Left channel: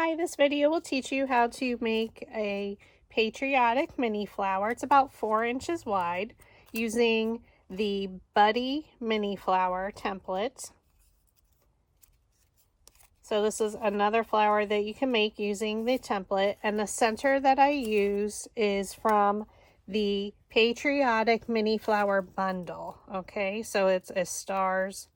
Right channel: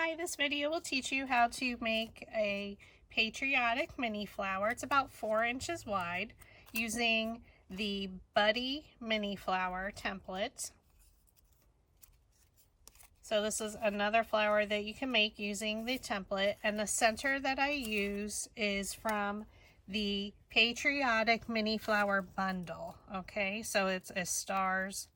Hi, this video will teach you how to make a patriotic mini flower. It's about 4 inches wide using the Buddy mini flower template. So this is another flower that you can make using the template, and the center that I use is from the Patriotic Mini Flower Bundle. Okay, so it's a stars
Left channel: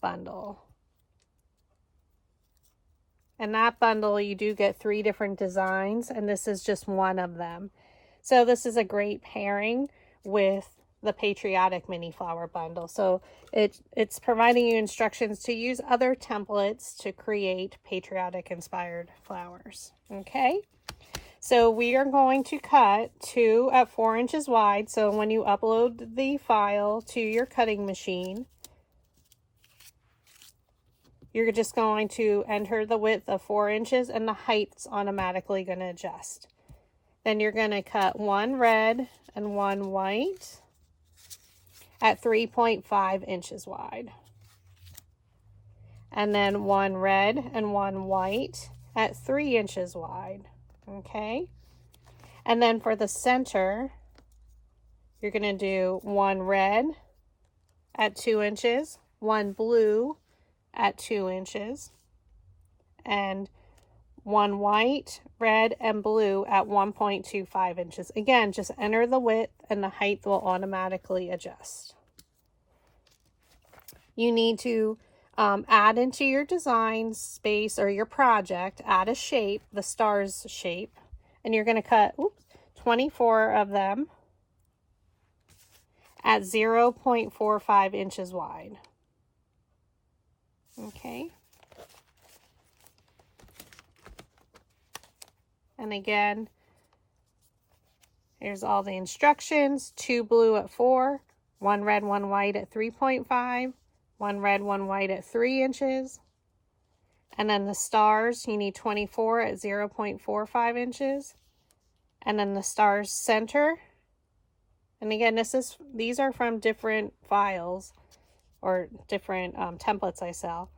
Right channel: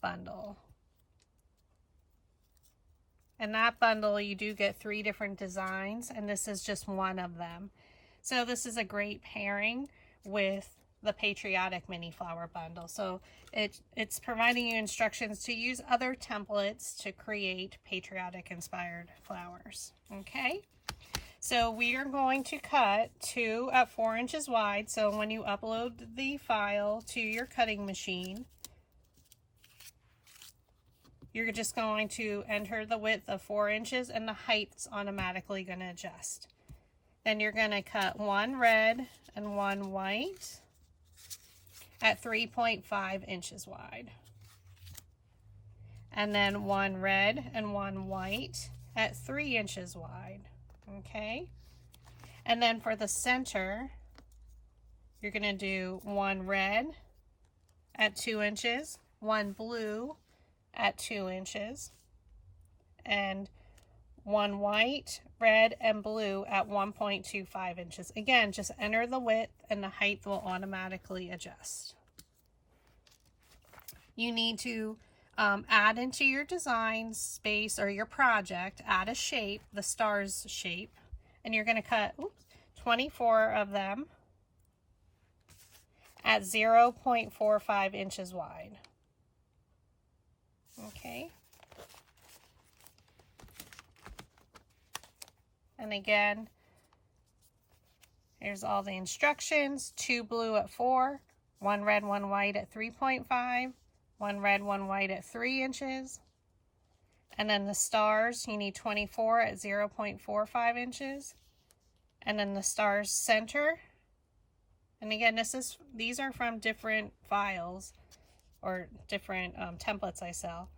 bundle. In that bundle, you do get 3 different designs, and this is just one of them. So this is a great pairing with the Patriotic Mini Flower Bundle. So it's providing you instructions to use other templates to create patriotic inspired flowers. Okay, so we are going to cut 2 at 4 inches wide. So when you upload the file to your cutting machine, you're just going to enter the width of 4 inches and the height's automatically going to adjust. Then you're going to cut 1 red and 1 white at 3.5 inches wide. And then 1 red and 1 white at 3 inches wide. Okay. And then for the center, you're going to do 1 red at 2 inches, 1 blue at 2 inches, and 1 white, red, and blue at 1.25 inches. Again, just enter the width and the height will automatically adjust. You need to add into your design space or your project, add a shape, the stars shape, and you're going to cut 24 of them at 0.45 inches wide. Okay. And again, here's all the instructions. 2 blue at 4, 1 red, 1 white at 3.5, 1 red, 1 white at 3 inches. And then the stars, you need 24 at 0.45 inches. And then the stars center. And again, these are from different files or different templates I sell.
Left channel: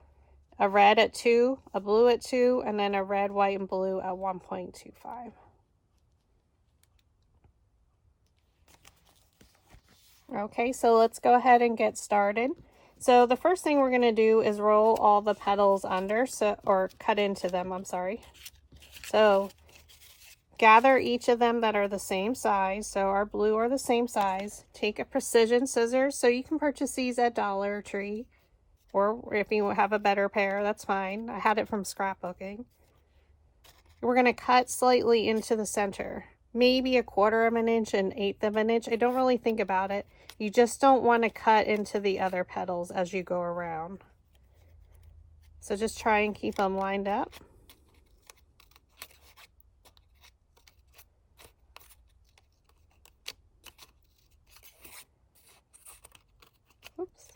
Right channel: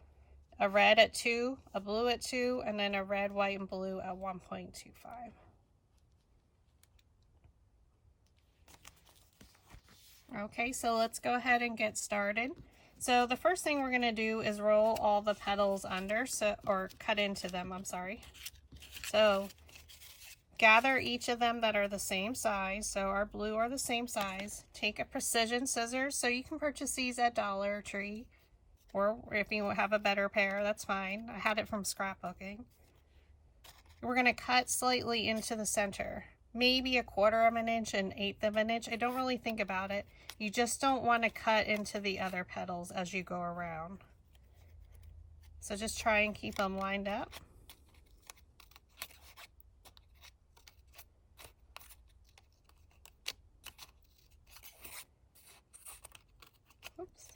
A red at 2, a blue at 2, and then a red, white, and blue at 1.25. Okay, so let's go ahead and get started. So the first thing we're going to do is roll all the petals under, or cut into them, I'm sorry. So gather each of them that are the same size. So our blue are the same size. Take a precision scissors. So you can purchase these at Dollar Tree, or if you have a better pair, that's fine. I had it from scrapbooking. We're going to cut slightly into the center, maybe 1/4 of an inch, 1/8 of an inch. I don't really think about it. You just don't want to cut into the other petals as you go around. So just try and keep them lined up. Oops.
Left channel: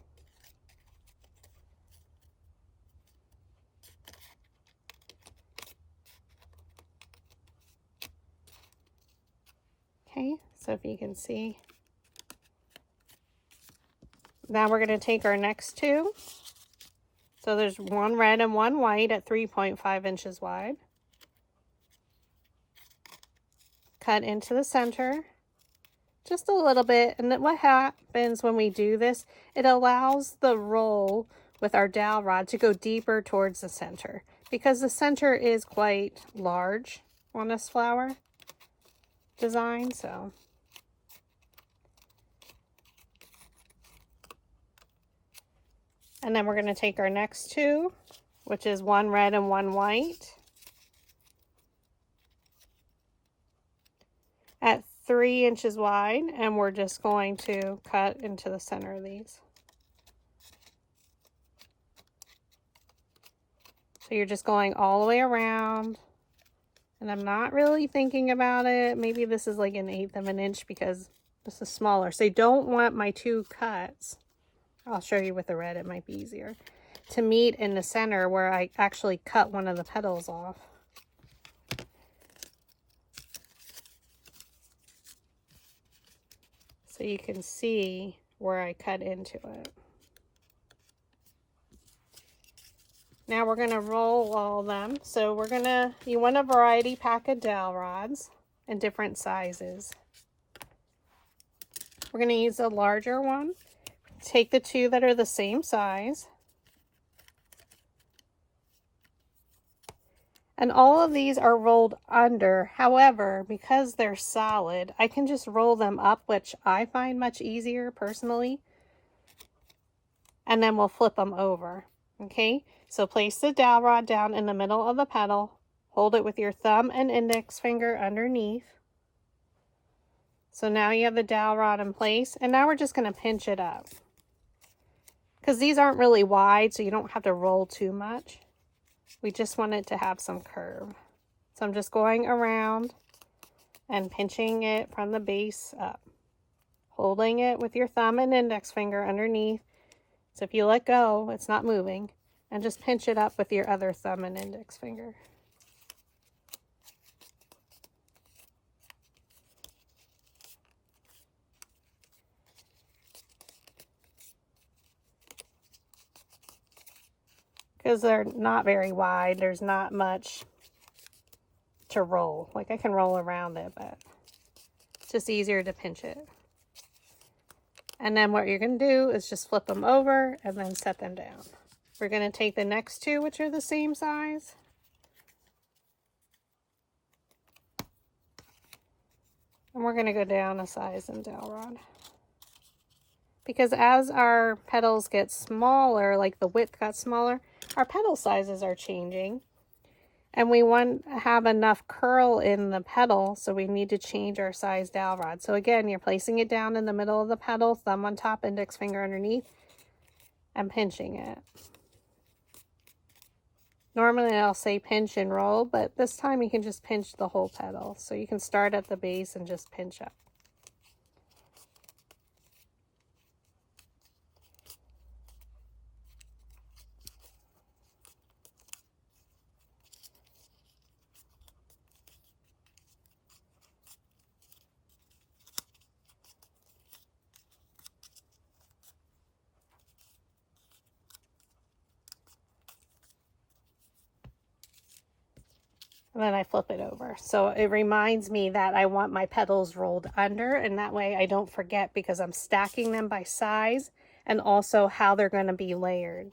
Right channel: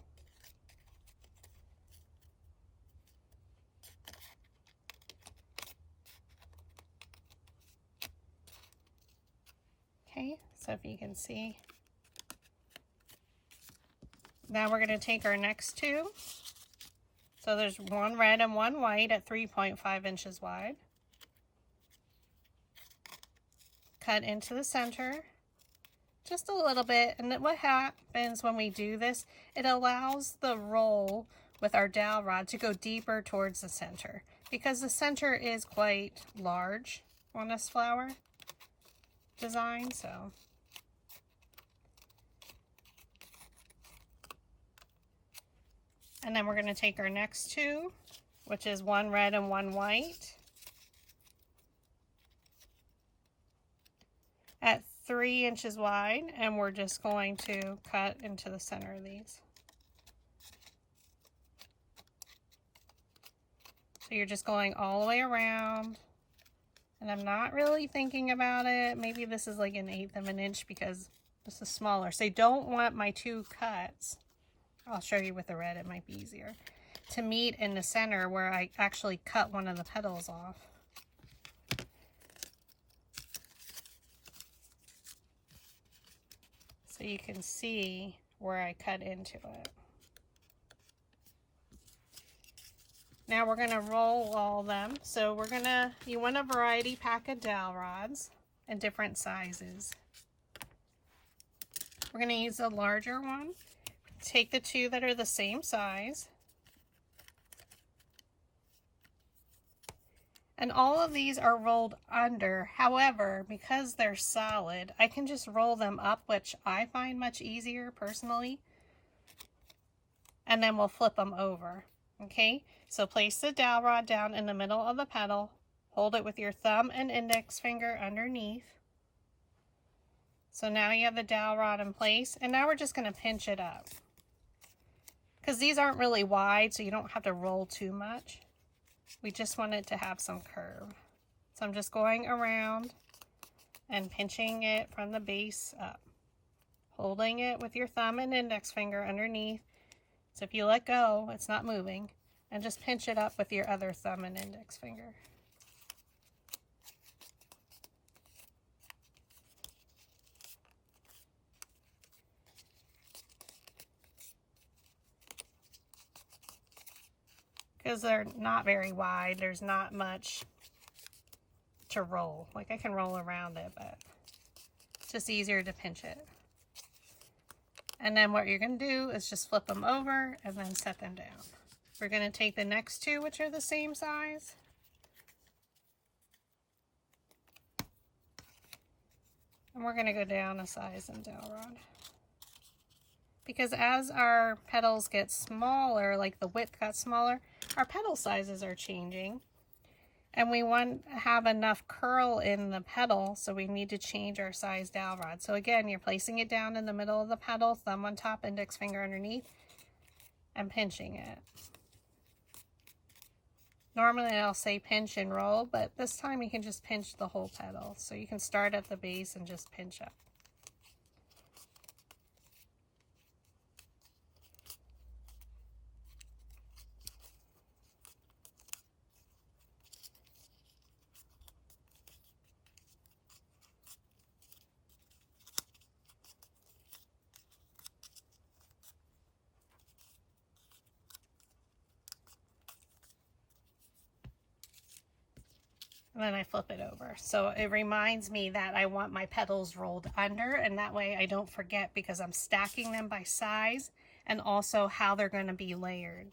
Okay, so if you can see. Now we're going to take our next 2. So there's 1 red and 1 white at 3.5 inches wide. Cut into the center just a little bit. And what happens when we do this, it allows the roll with our dowel rod to go deeper towards the center, because the center is quite large on this flower design. So and then we're going to take our next 2, which is 1 red and 1 white at 3 inches wide, and we're just going to cut into the center of these. So you're just going all the way around, and I'm not really thinking about it. Maybe this is like 1/8 of an inch because this is smaller. So I don't want my 2 cuts, I'll show you with the red, it might be easier, to meet in the center where I actually cut one of the petals off. So you can see where I cut into it. Now we're going to roll all of them. So you want a variety pack of dowel rods in different sizes. We're going to use a larger one. Take the two that are the same size. And all of these are rolled under. However, because they're solid, I can just roll them up, which I find much easier personally. And then we'll flip them over. Okay, so place the dowel rod down in the middle of the petal. Hold it with your thumb and index finger underneath. So now you have the dowel rod in place, and now we're just going to pinch it up. Because these aren't really wide, so you don't have to roll too much. We just want it to have some curve. So I'm just going around and pinching it from the base up. Holding it with your thumb and index finger underneath. So if you let go, it's not moving. And just pinch it up with your other thumb and index finger. Because they're not very wide, there's not much to roll. Like I can roll around it, but it's just easier to pinch it. And then what you're going to do is just flip them over and then set them down. We're going to take the next two, which are the same size. And we're going to go down a size in dowel rod. Because as our petals get smaller, like the width got smaller, our petal sizes are changing. And we want to have enough curl in the petal, so we need to change our size dowel rod. So again, you're placing it down in the middle of the petal, thumb on top, index finger underneath, and pinching it. Normally I'll say pinch and roll, but this time you can just pinch the whole petal. So you can start at the base and just pinch up. And then I flip it over. So it reminds me that I want my petals rolled under, and that way I don't forget because I'm stacking them by size and also how they're going to be layered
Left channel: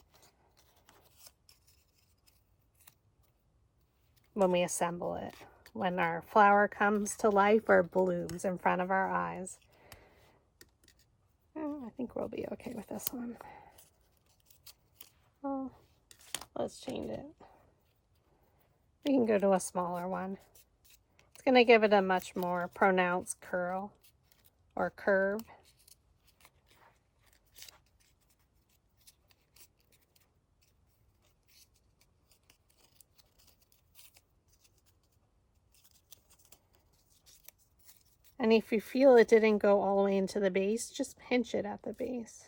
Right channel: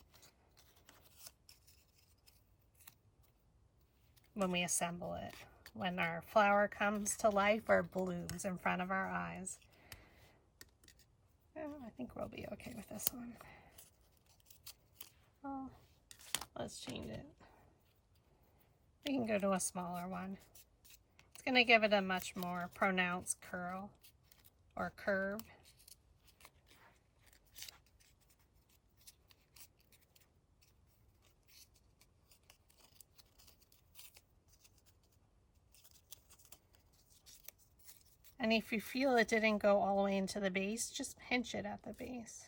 when we assemble it, when our flower comes to life or blooms in front of our eyes. Oh, I think we'll be okay with this one. Oh, let's change it. We can go to a smaller one. It's going to give it a much more pronounced curl or curve. And if you feel it didn't go all the way into the base, just pinch it at the base.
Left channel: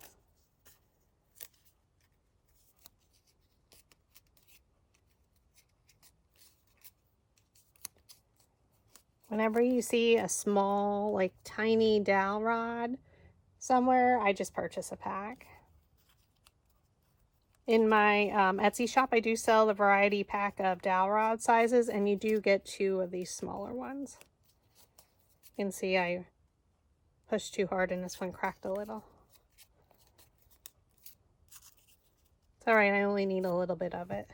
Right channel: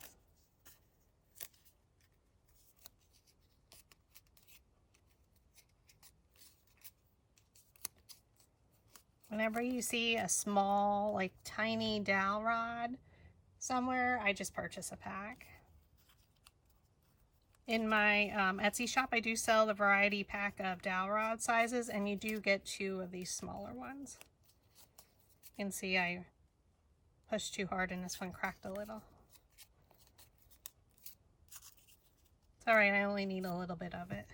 Whenever you see a small, like tiny dowel rod somewhere, I just purchase a pack. In my Etsy shop, I do sell the variety pack of dowel rod sizes, and you do get 2 of these smaller ones. You can see I pushed too hard and this one cracked a little. It's all right, I only need a little bit of it.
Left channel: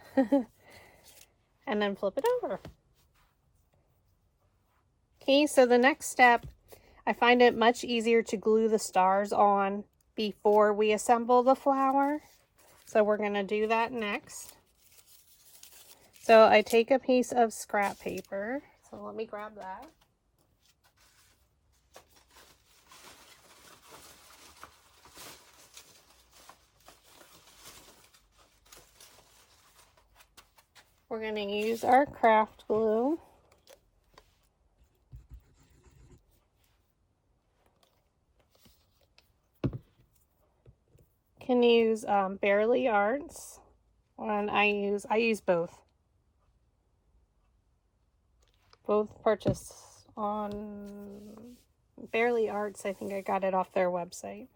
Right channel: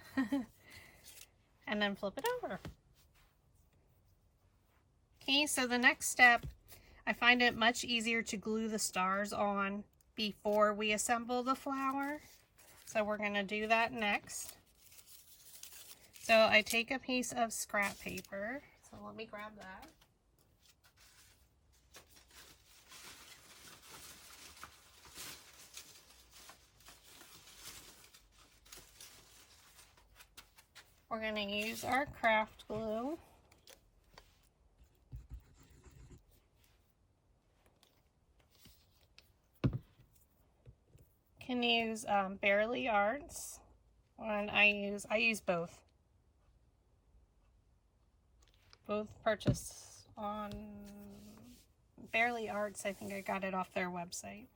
And then flip it over. Okay, so the next step, I find it much easier to glue the stars on before we assemble the flower. So we're going to do that next. So I take a piece of scrap paper. So let me grab that. We're going to use our craft glue. Can use Barely Arts, and I use both purchased on Barely Arts. I think I got it off their website.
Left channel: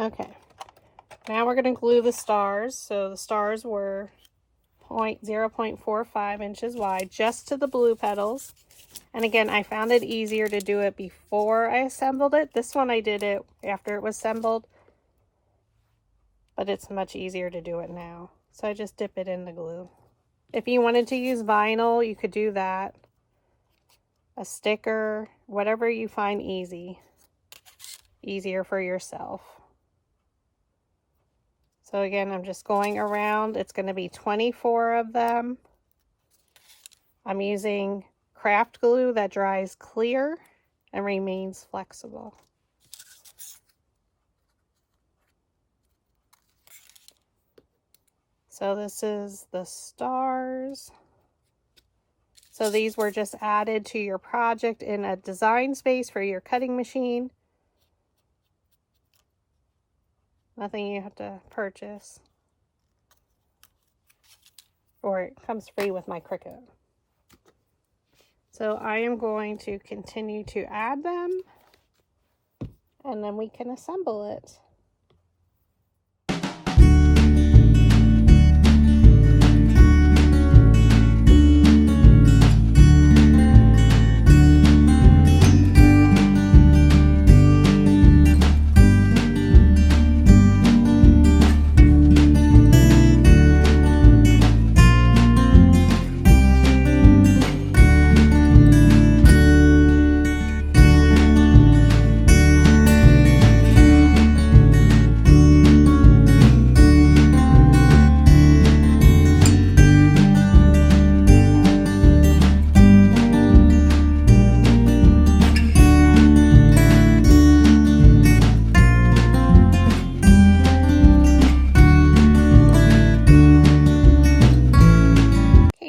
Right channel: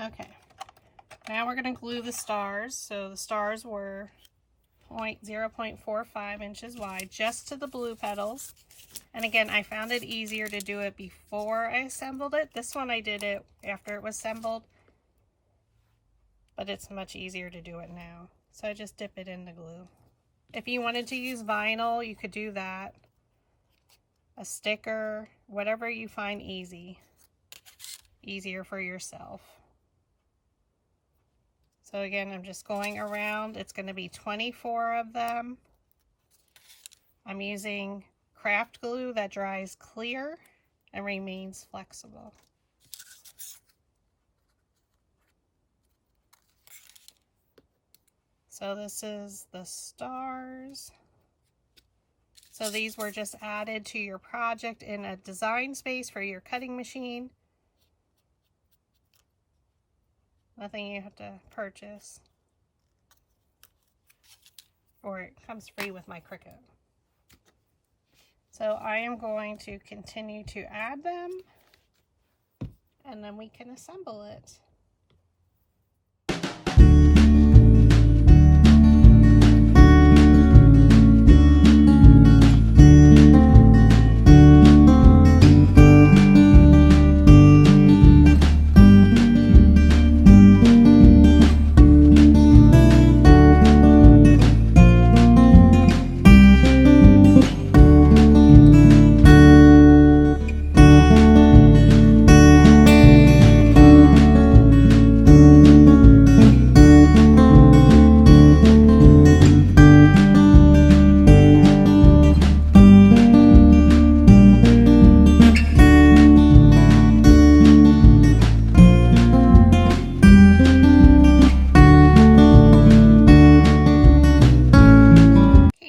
Okay, Now we're going to glue the stars. So the stars were 0.45 inches wide, just to the blue petals. And again, I found it easier to do it before I assembled it. This one I did it after it was assembled, but it's much easier to do it now. So I just dip it in the glue. If you wanted to use vinyl, you could do that. A sticker, whatever you find easier for yourself. So again, I'm just going around. It's going to be 24 of them. I'm using craft glue that dries clear and remains flexible. So this is the stars. So these were just added to your project in a design space for your cutting machine. Nothing you have to purchase. Or it comes free with my Cricut. So I am going to continue to add them, and then we can assemble it.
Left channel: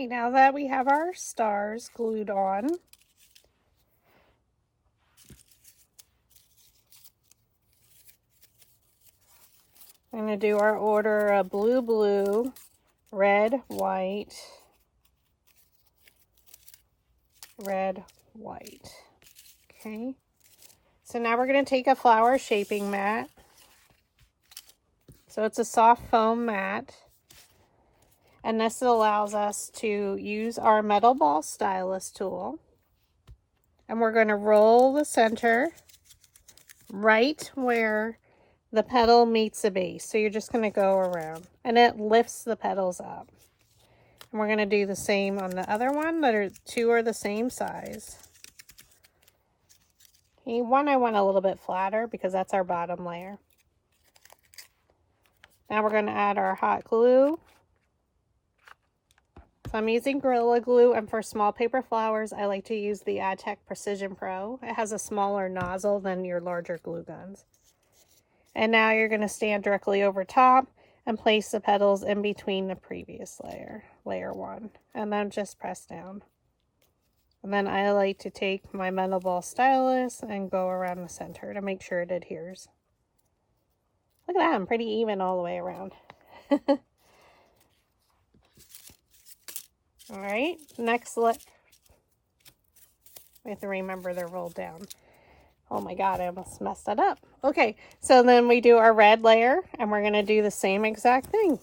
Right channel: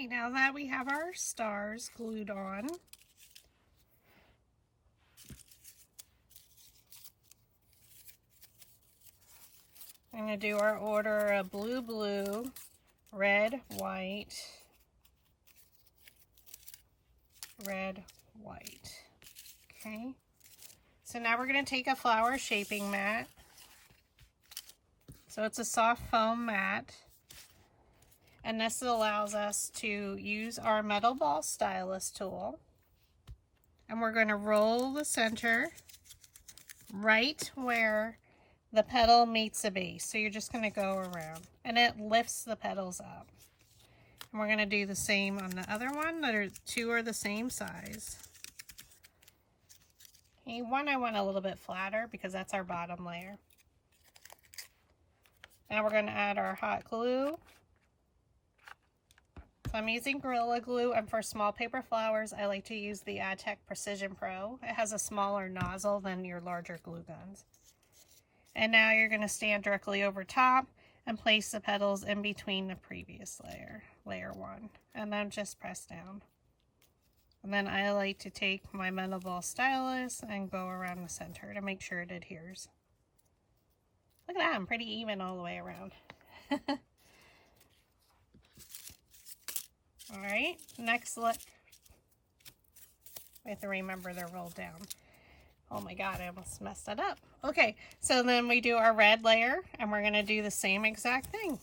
Now that we have our stars glued on, I'm going to do our order of blue, blue, red, white, red, white. Okay. So now we're going to take a flower shaping mat. So it's a soft foam mat. And this allows us to use our metal ball stylus tool. And we're going to roll the center right where the petal meets the base. So you're just going to go around. And it lifts the petals up. And we're going to do the same on the other one. Two are the same size. Okay, one I want a little bit flatter because that's our bottom layer. Now we're going to add our hot glue. So I'm using Gorilla Glue, and for small paper flowers, I like to use the AdTech Precision Pro. It has a smaller nozzle than your larger glue guns. And now you're going to stand directly over top and place the petals in between the previous layer, layer 1, and then just press down. And then I like to take my metal ball stylus and go around the center to make sure it adheres. Look at that, I'm pretty even all the way around. All right, next look. We have to remember they're rolled down. Oh my God, I almost messed that up. Okay, so then we do our red layer, and we're gonna do the same exact thing.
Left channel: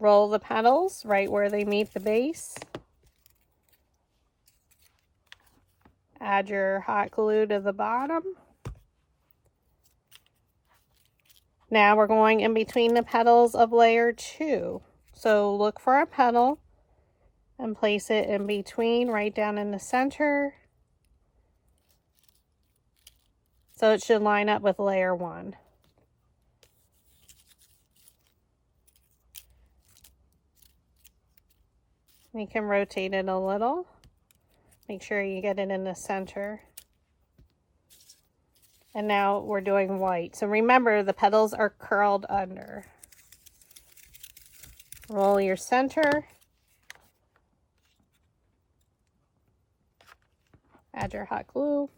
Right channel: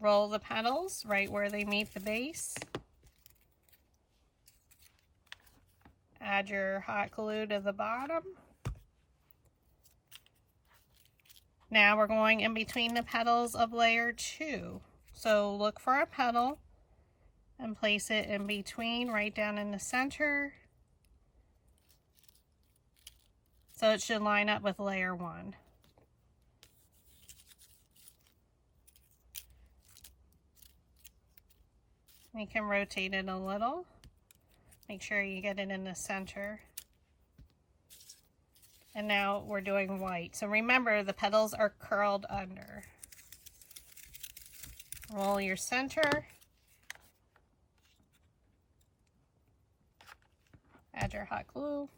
Roll the petals right where they meet the base. Add your hot glue to the bottom. Now we're going in between the petals of layer 2. So look for a petal and place it in between, right down in the center. So it should line up with layer 1. You can rotate it a little. Make sure you get it in the center. And now we're doing white. So remember, the petals are curled under. Roll your center. Add your hot glue.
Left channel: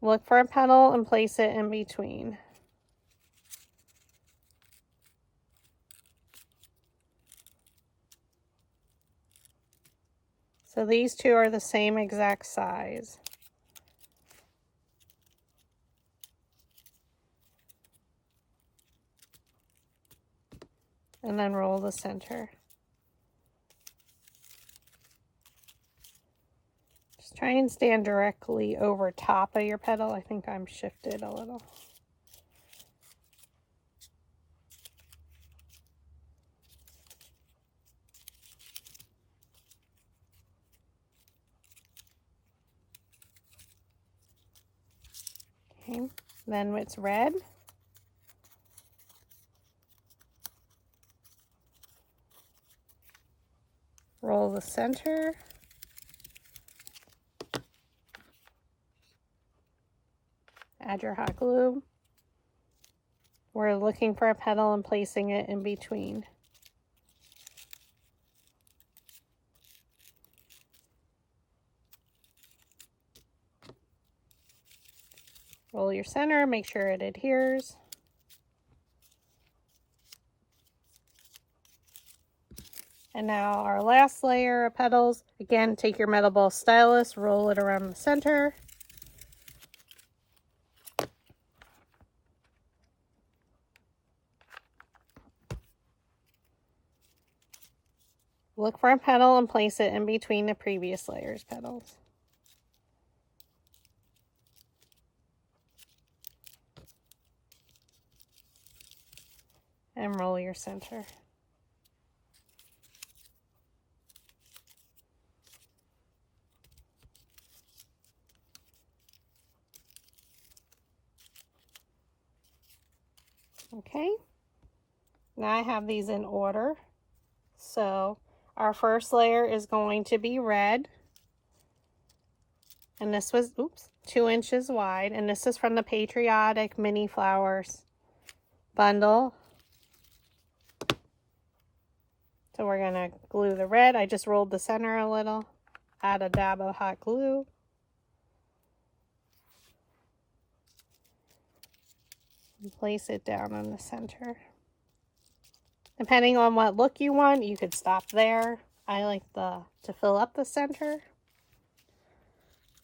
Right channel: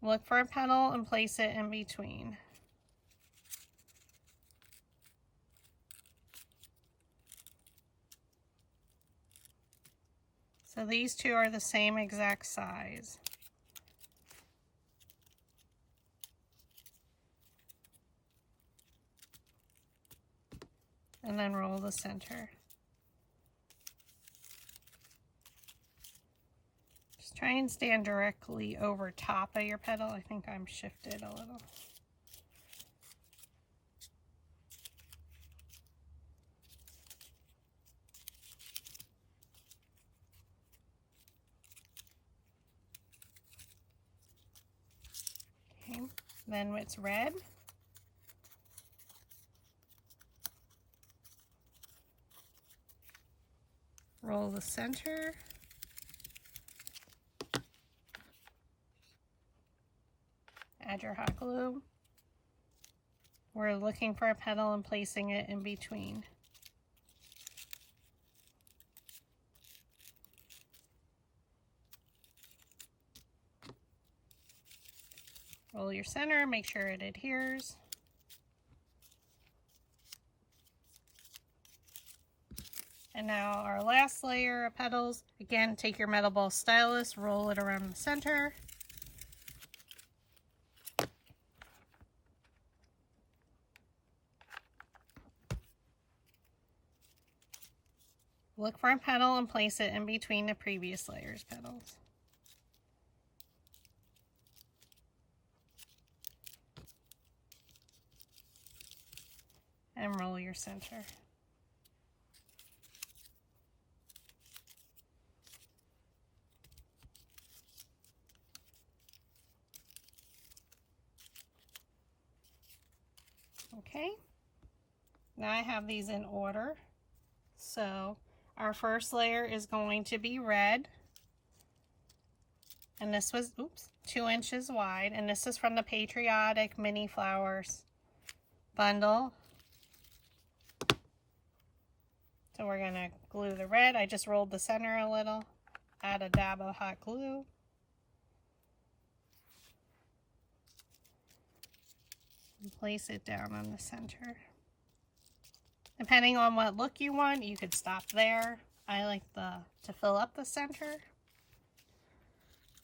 Look for a petal and place it in between. So these two are the same exact size. and then roll the center. Just try and stand directly over top of your petal. I think I'm shifted a little. Okay, then it's red. Roll the center. Add your hot glue. We're looking for a petal and placing it in between. Roll your center, make sure it adheres. And now our last layer of petals. Again, take your metal ball stylus, roll it around the center. Look for a petal and place it in between the previous layer's petals. And roll your center. Okay, now I have these in order. So our first layer is going to be red. And this was, 2 inches wide. And this is from the Patriotic Mini Flowers Bundle. So we're going to glue the red. I just rolled the center a little. Add a dab of hot glue. And place it down on the center. Depending on what look you want, you could stop there. I like to fill up the center.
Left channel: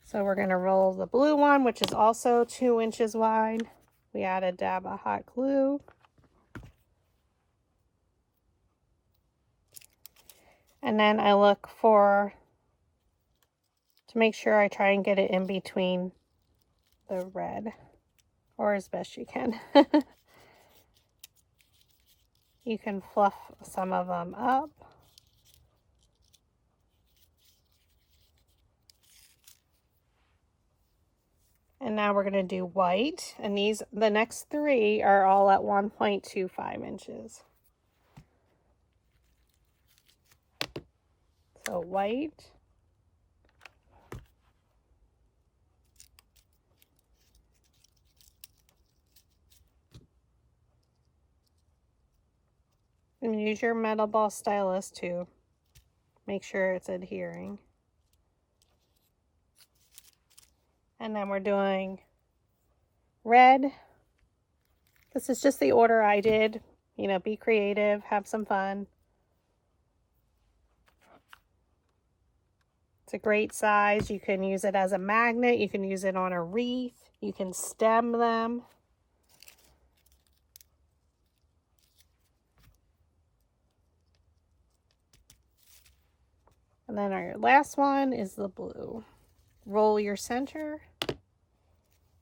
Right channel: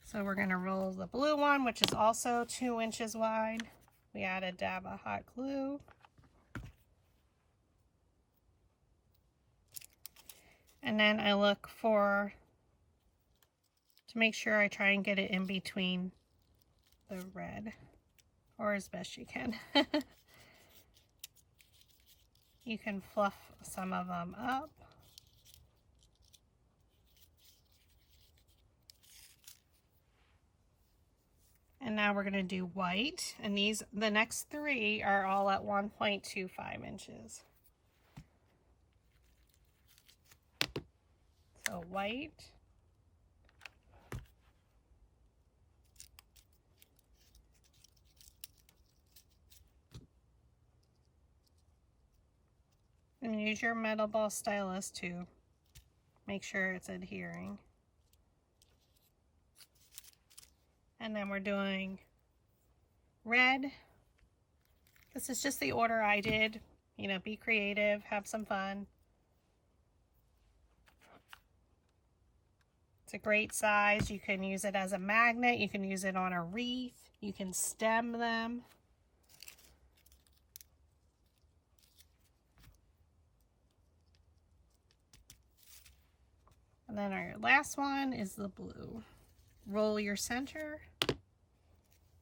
So we're going to roll the blue one, which is also 2 inches wide. We add a dab of hot glue. And then I look to make sure I try and get it in between the red, or as best you can. You can fluff some of them up. And now we're going to do white, and the next 3 are all at 1.25 inches. So white. And use your metal ball stylus to make sure it's adhering. And then we're doing red. This is just the order I did. You know, be creative, have some fun. It's a great size. You can use it as a magnet. You can use it on a wreath. You can stem them. And then our last one is the blue. Roll your center.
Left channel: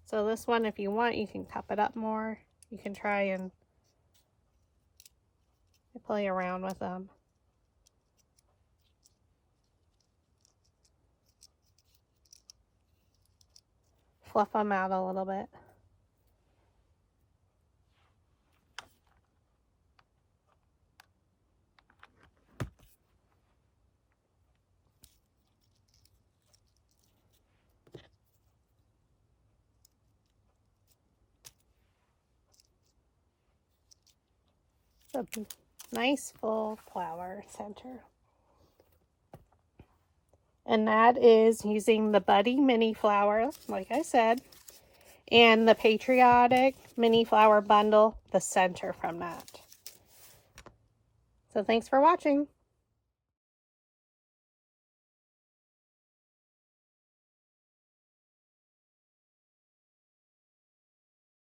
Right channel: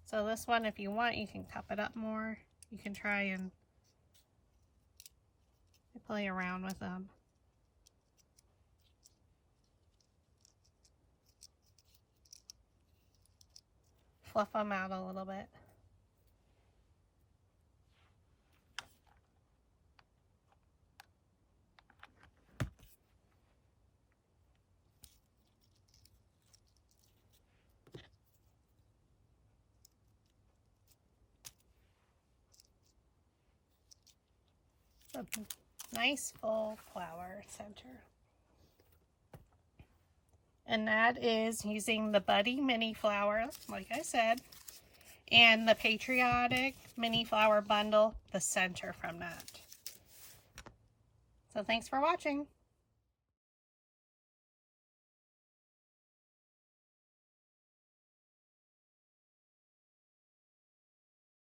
So this one, if you want, you can cup it up more. You can try and play around with them. Fluff them out a little bit. A nice full flower center. And that is using the Buddy Mini Flower, like I said, and the Patriotic Mini Flower Bundle, the center from that. So thanks for watching.